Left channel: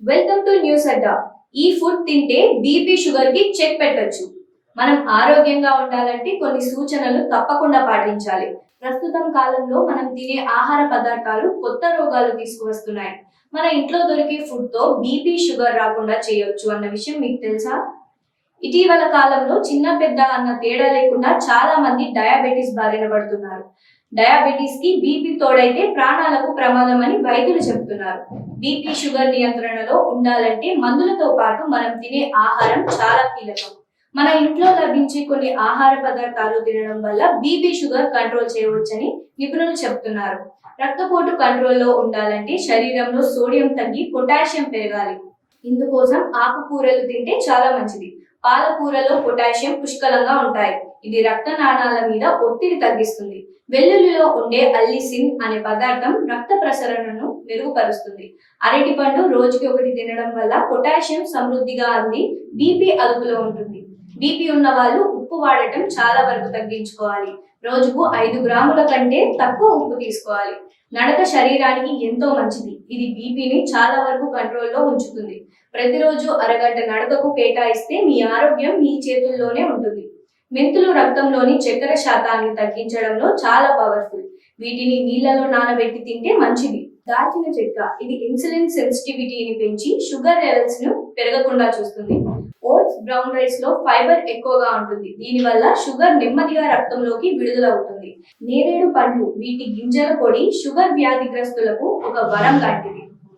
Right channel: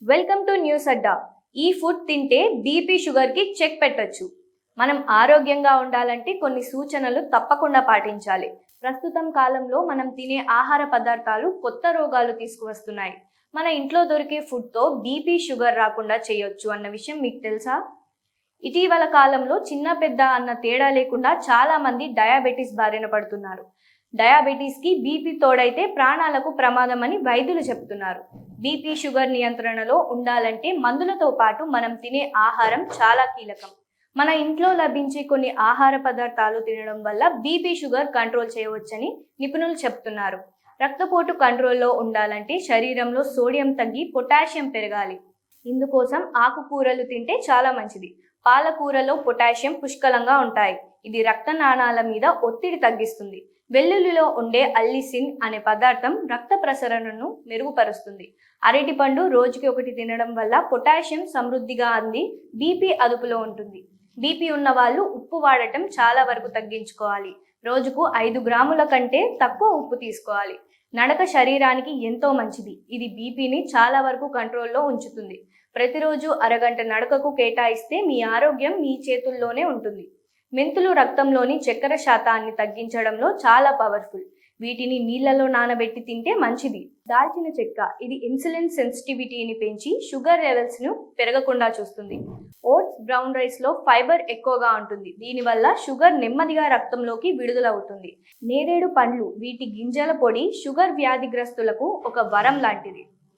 Welcome to news అడ్డా. ఈ food తింటే BP sugar కి చెక్ పెట్టొచ్చు. మనం ఆరోగ్యంగా ఉండాలంటే కొన్ని సూచనలు తప్పకుండా పాటించాలి. ప్రస్తుతం కాలంలో మనం తినే ఆహార పదార్థాలు కొత్త రోగాలు తీసుకువస్తున్నాయి. మన ఇంట్లో దొరికే ఫుడ్ తో బీపీ షుగర్ రాకుండా చేయొచ్చు అన్న విషయం మీకు తెలుసా? ఇటీవల కాలంలో చిన్న పెద్ద అన్న తేడా లేకుండా చాలా మంది డయాబెటీస్ బారిన పడుతున్నారు. డయాబెటీస్ కి బీపీ తోడైతే ప్రాణాలకు ప్రమాదం అని వైద్యులు చెప్తున్నారు. బీపీ షుగర్ నియంత్రణలో ఉండాలంటే మందులతో పాటు మనం తినే ఆహారం చాలా కీలకం. మన ఇంట్లో లభించే కొన్ని ఆహార పదార్థాలు తినడం వల్ల బీపీ షుగర్ కంట్రోల్ చేయవచ్చని నిపుణులు చెప్తున్నారు. రక్తపోటు కంట్రోల్లో ఉండాలంటే శరీరంలో సోడియం తగ్గి పొటాషియం పెరగాలి. ఇందుకోసం ఆకుకూరలు తింటే చాలా మంచిది. పాలకూరలో పొటాషియం పుష్కలంగా ఉంటాయి. ఇది రక్త నాళాల మీద ఒత్తిడి తగ్గిస్తుంది. వెల్లుల్లిలో ఉండే అల్లిసిన్ అనే పదార్థం రక్త ప్రసరణను మెరుగుపరుస్తుంది. అరటి పండు రోజుకి ఒకటి తినడం వల్ల పొటాషియం సమృద్ధిగా అంది బీపీ అదుపులో ఉంటుంది. బీపీ ఉన్న వాళ్ళు ఉప్పు వాడటం చాలా వరకు తగ్గించుకోవాలి. రోజుకు 5 గ్రాముల కంటే తక్కువ ఉప్పు తీసుకోవాలి. నడక శరీరానికి ఎంతో మంచిది. ఇది బీపీని చాలా వరకు కంట్రోల్లో ఉంచుతుంది. ప్రతిరోజు అరగంట నడకకు కేటాయిస్తే మీ ఆరోగ్యం మీ చేతుల్లోనే ఉంటుంది. మెంతులు రక్తంలోని చక్కెర శాతాన్ని తగ్గించడంలో చాలా పవర్ఫుల్. వీటిని నీళ్లలో నానబెట్టి తింటే మంచిది. దాల్చిన చెక్క ఇది ఇన్సులిన్ సెన్సిటివిటీని పెంచి షుగర్ లెవెల్స్ ను పెరగకుండా చూస్తుంది. ఓట్స్ బ్రౌన్ రైస్ లో ఫైబర్ ఎక్కువగా ఉంటుంది. దీనివల్ల షుగర్ నెమ్మదిగా రక్తంలోకి విడుదలవుతుంది. నేరేడు పండ్లు వీటి గింజల పొడి షుగర్ వ్యాధిగ్రస్తులకు ఒక వరం లాంటిది.